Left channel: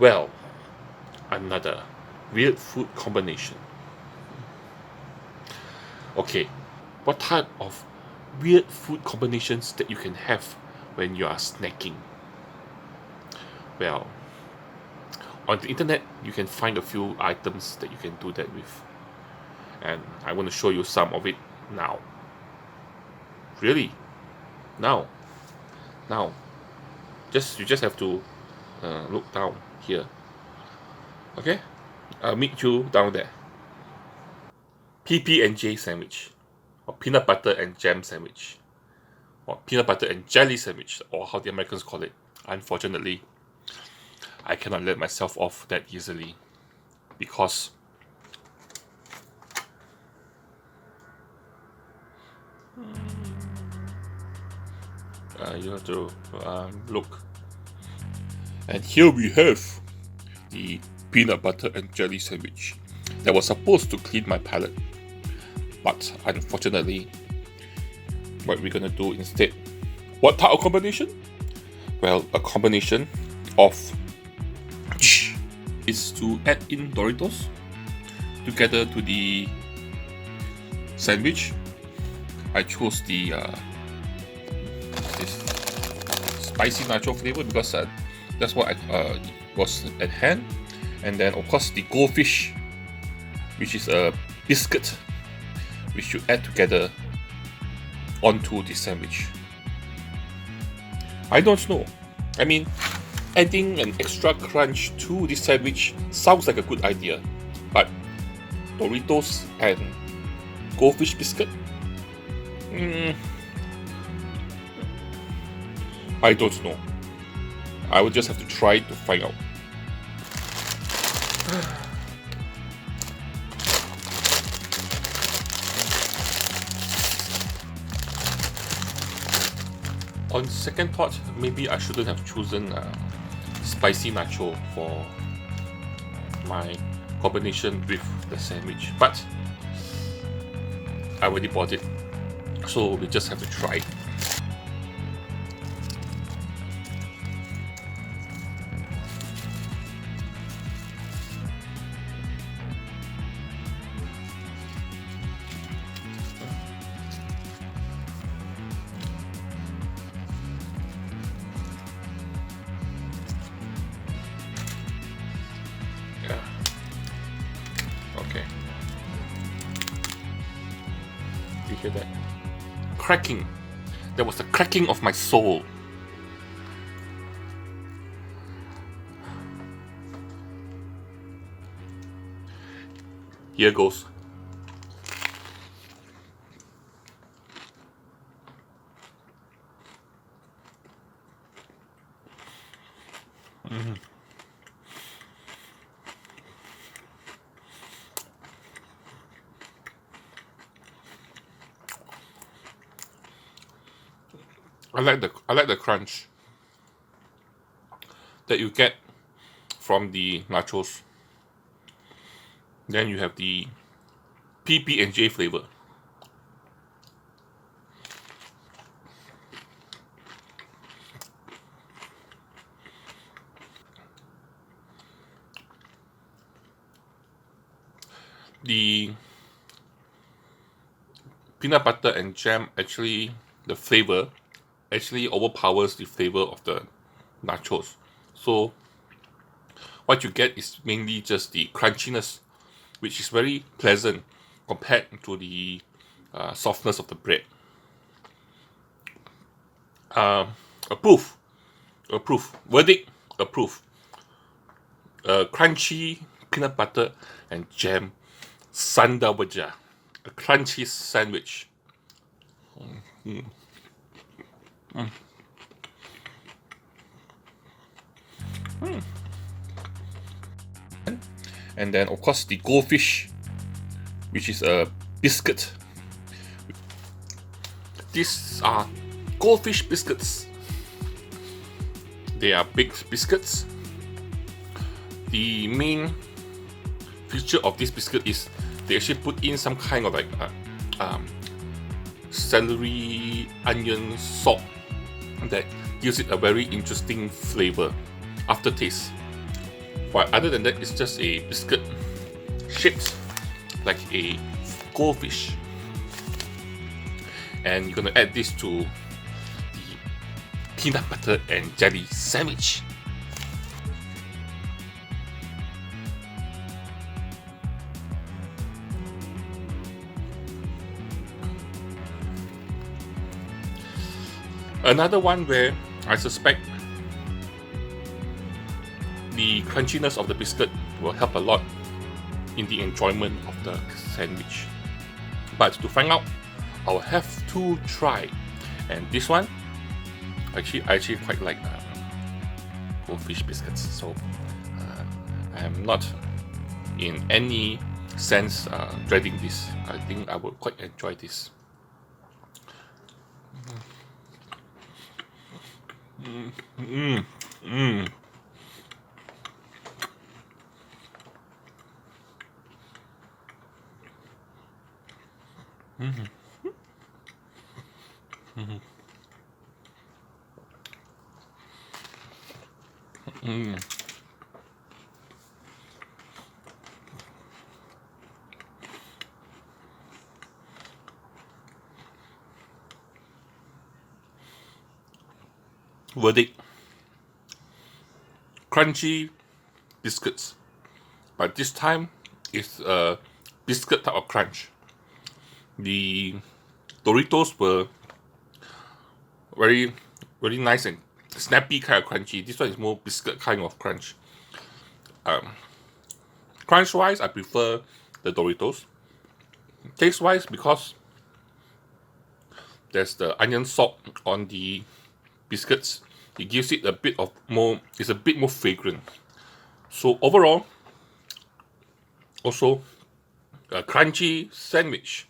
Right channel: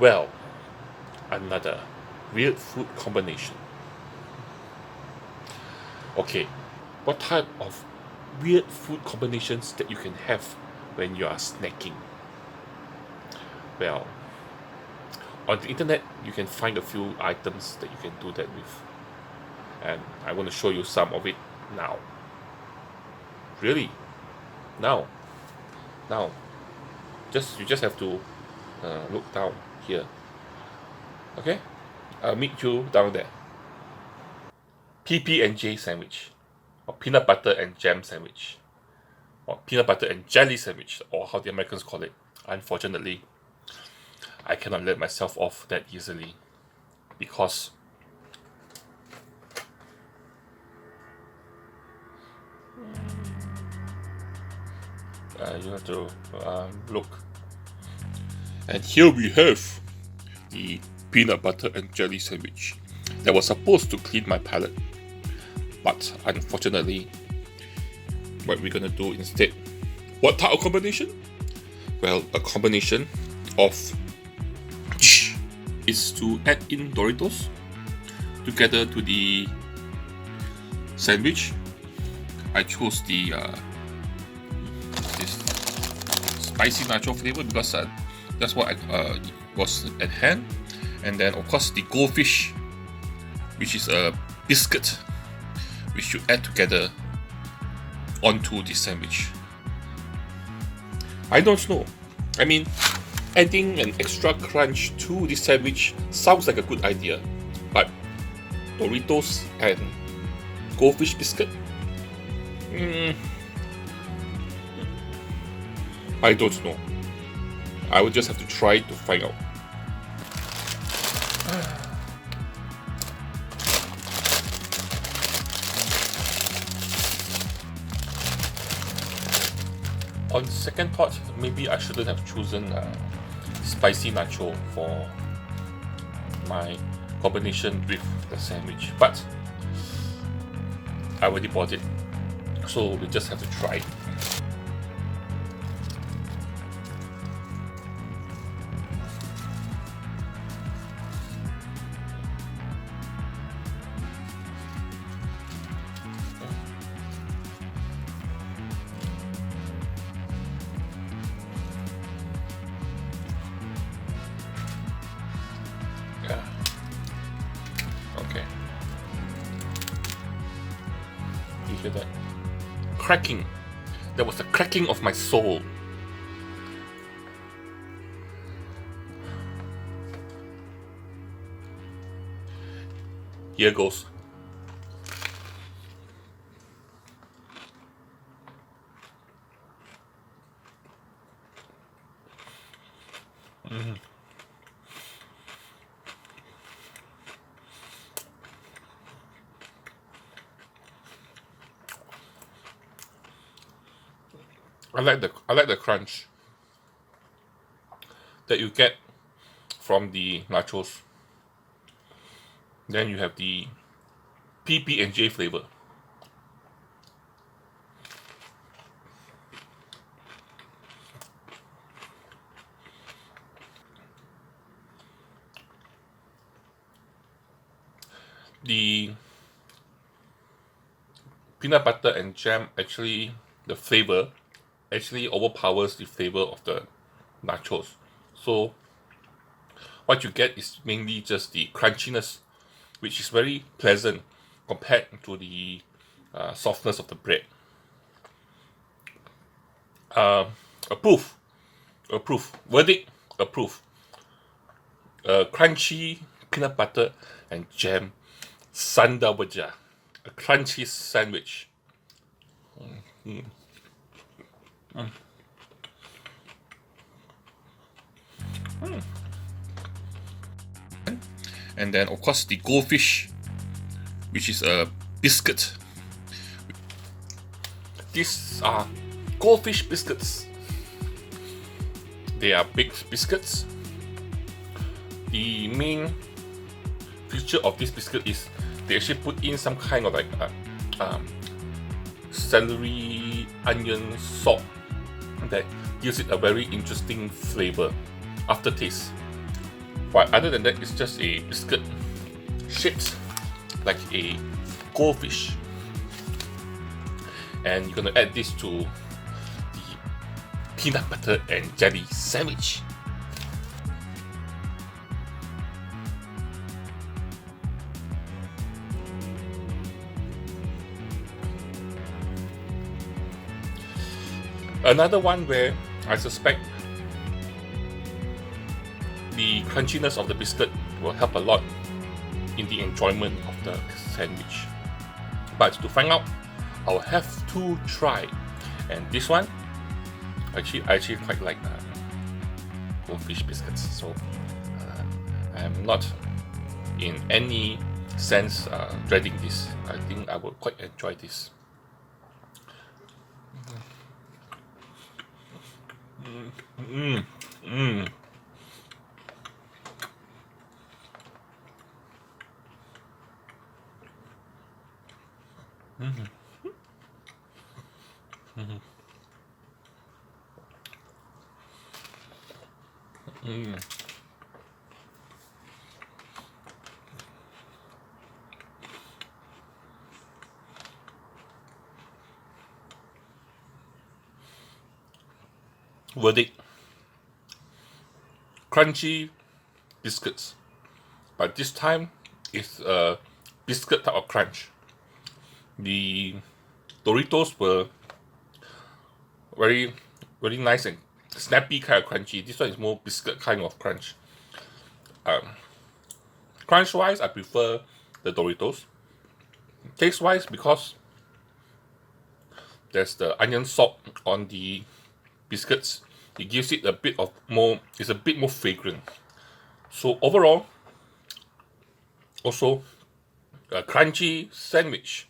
Well, another weird food combination. Okay, what type of weird food combinations that you can have when you are snacking? Well, on the internet, you can find a few items that you can do that with. And I want to show you some of it now. Really? Now. Now. You just have to look down here. Okay? I'll meet you down there. PB&J sandwich, or peanut butter and jam sandwich, or peanut butter and jelly sandwich, or how the Americans call it. Unfortunately, I cannot let myself off that easily because you have to look. And here we have the peanut butter and jelly sandwich that was supposed to clean my palate. But unfortunately, what we're gonna do instead, what type of combination? Well, a combination of is to add in Doritos together to the sandwich. I chose the this spicy nacho flavor because that's what was at hand. And then of course the goldfish, which is a biscuit which you add together onto the sandwich. I don't know. I mean, adding an extra crunch to the sandwich sounds like a good idea, but Doritos and goldfish biscuit? I don't know. I would just have to try to find out. On second thought, maybe I shouldn't have chosen spicy nacho for my combination with the sandwich, but I already bought it, so we just have to try it. Okay. You hear that? Cracking. There was a cracking of my soul. Here goes. I like the crunch that you get from the nachos. Then you have the PB&J flavor. The peanut butter and jam actually, the flavor actually overpowers the flavor of the nachos. So what you get is mainly just the crunchiness, which is very pleasant compared to the softness of the bread. Approve. Verdict, approve. Crunchy peanut butter and jam sandawaja, a crunchy sandwich. And then of course the goldfish, which is a biscuit. These are goldfish biscuits. They are big biscuits. The main feature of this biscuit is they actually put in some kind of like celery, onion, salt that gives it a very interesting flavor, aftertaste. But other than that, it's just a biscuit shaped like a goldfish. And you're gonna add this to the peanut butter and jelly sandwich. Another one where I suspect the crunchiness of the biscuit will help a lot in the enjoyment of the sandwich. But to find out, I'll have to try. And this one, I actually quite like goldfish biscuits. So I'm not in any sense dreading this. I think I will quite enjoy this. Verdict: crunchy biscuits, but this time it's a biscuit type of crunch. The Doritos were very nice and snappy kind of crunchy. This one is more biscuit kind of crunch. Crunch wise, I prefer the Doritos. Taste wise, because there's the onion salt on the biscuits, it gives it a bit of more, it's a bit more fragrant. So overall, also a crunchy sandwich.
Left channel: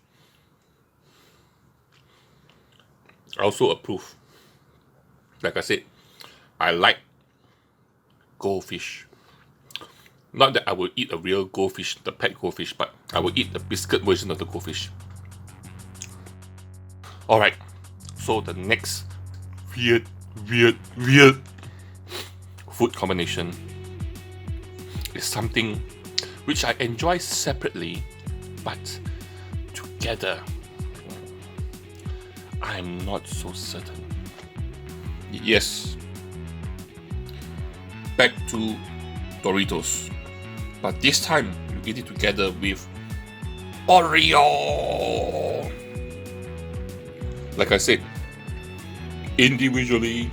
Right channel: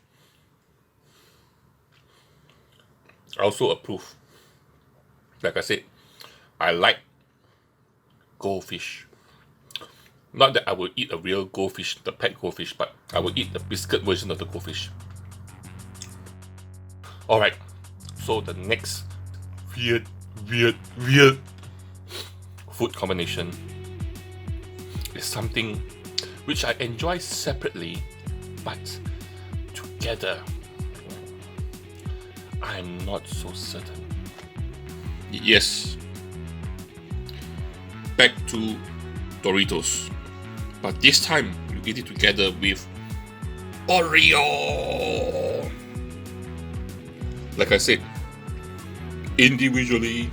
I also approve. Like I said, I like goldfish. Not that I will eat a real goldfish, the pet goldfish, but I will eat the biscuit version of the goldfish. Alright, so the next weird food combination is something which I enjoy separately, but together I'm not so certain. Yes, back to Doritos, but this time you eat it together with Oreo. Like I said, individually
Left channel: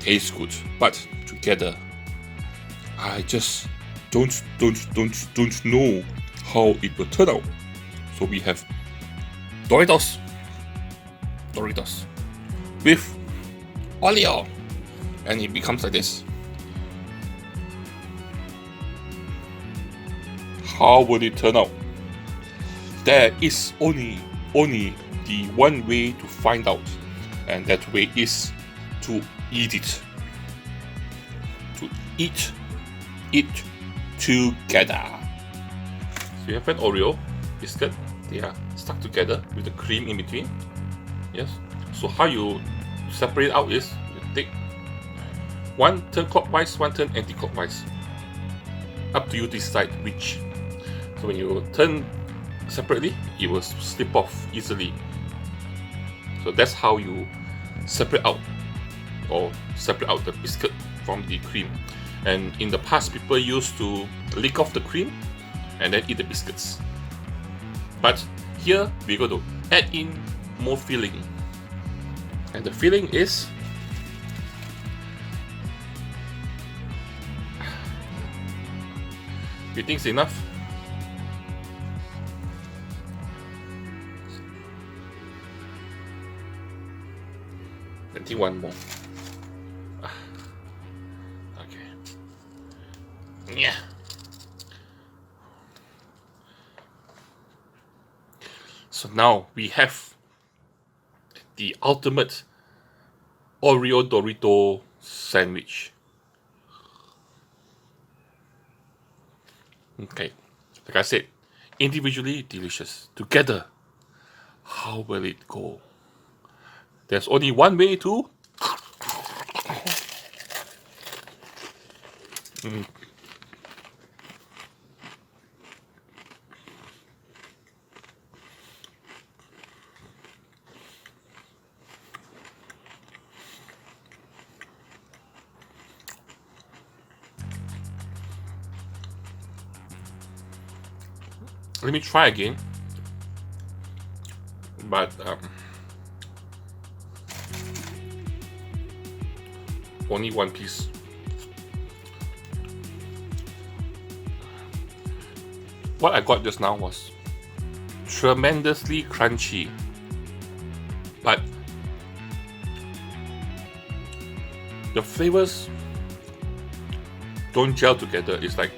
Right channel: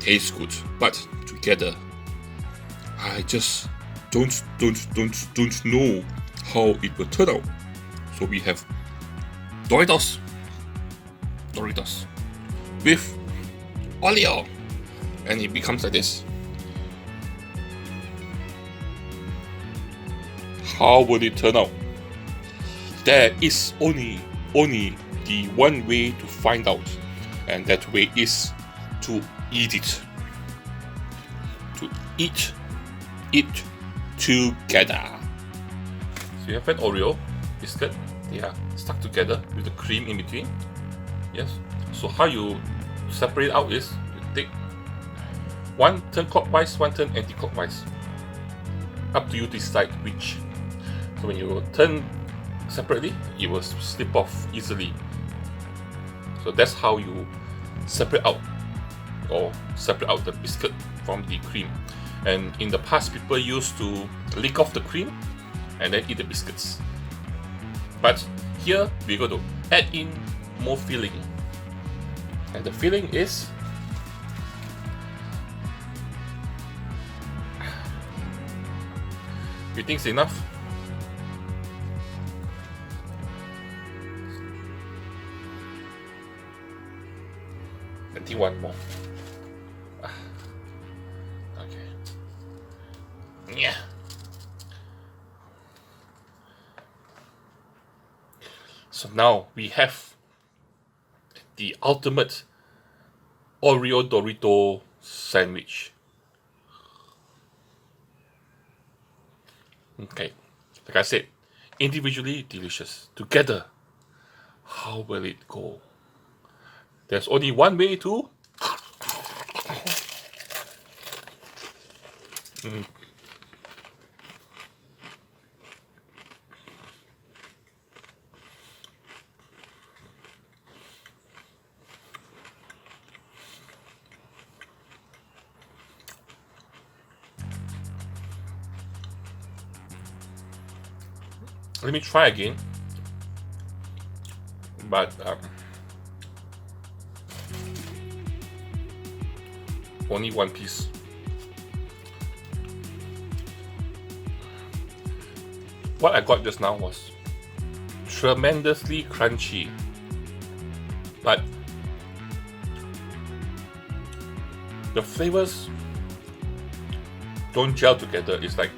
tastes good, but together I just don't know how it will turn out. So we have Doritos with Oreo, and it becomes like this. How will it turn out? There is only the one way to find out, and that way is to eat it. To eat it together. So you have an Oreo biscuit. They are stuck together with the cream in between. Yes. So how you separate out is you take one turn clockwise, one turn anti-clockwise. Up to you to decide which. So when you turn separately, it will slip off easily. So that's how you separate out the biscuit from the cream. And in the past, people used to lick off the cream and then eat the biscuits. But here we're going to add in more filling. And the filling is you think it's enough? I think one more. Okay. Yeah. So now we have the ultimate Oreo Doritos Sandwich. Okay, like I said, individually delicious. Together, how will it go? There's only one way to Let me try again. But only one piece. What I got just now was tremendously crunchy, but the flavors don't gel together. It's like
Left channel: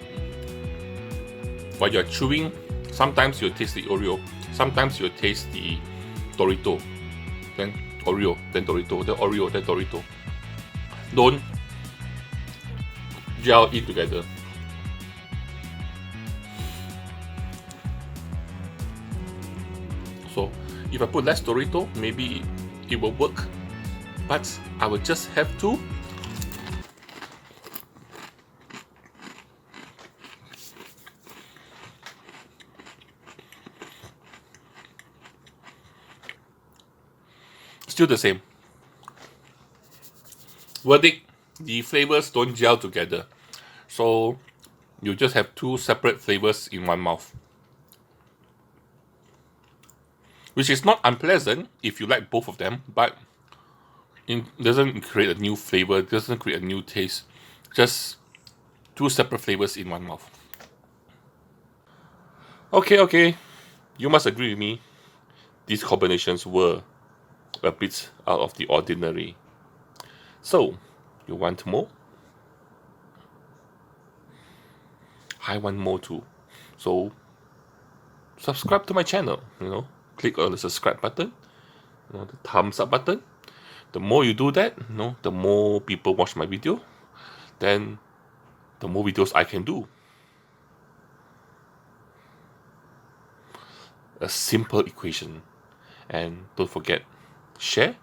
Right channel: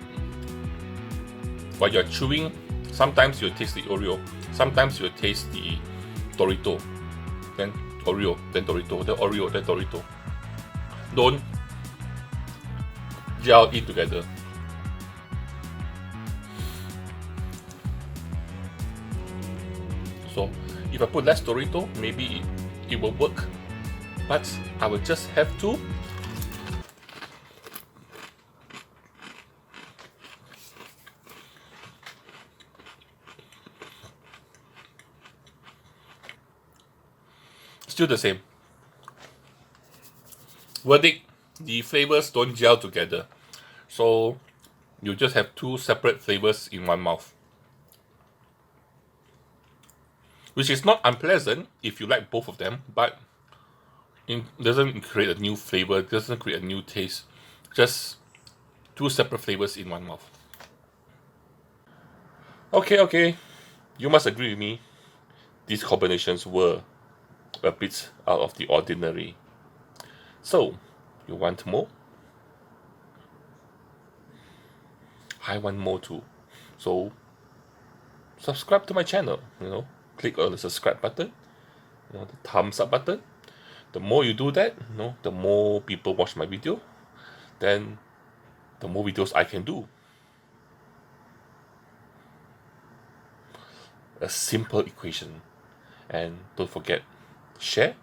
while you're chewing, sometimes you'll taste the Oreo, sometimes you'll taste the Dorito, then Oreo, then Dorito, then Oreo, then Dorito. Don't gel it together. So if I put less Dorito, maybe it will work, but I will just have to still the same. Verdict, the flavors don't gel together. So you just have two separate flavors in one mouth. Which is not unpleasant if you like both of them, but it doesn't create a new flavor, doesn't create a new taste. Just two separate flavors in one mouth. Okay, you must agree with me. These combinations were a bit out of the ordinary. So, you want more? I want more too. So, subscribe to my channel, click on the subscribe button, the thumbs up button. The more you do that, the more people watch my video, then the more videos I can do. A simple equation. And don't forget, share,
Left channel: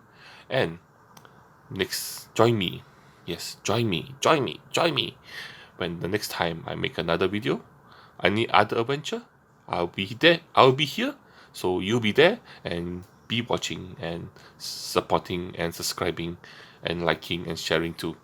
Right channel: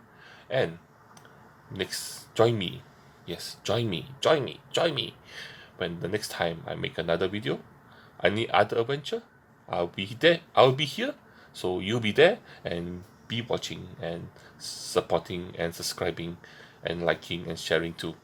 and join me. Yes, join me when the next time I make another video, I need other adventure, I'll be there, I'll be here, so you'll be there, and be watching and supporting and subscribing and liking and sharing too.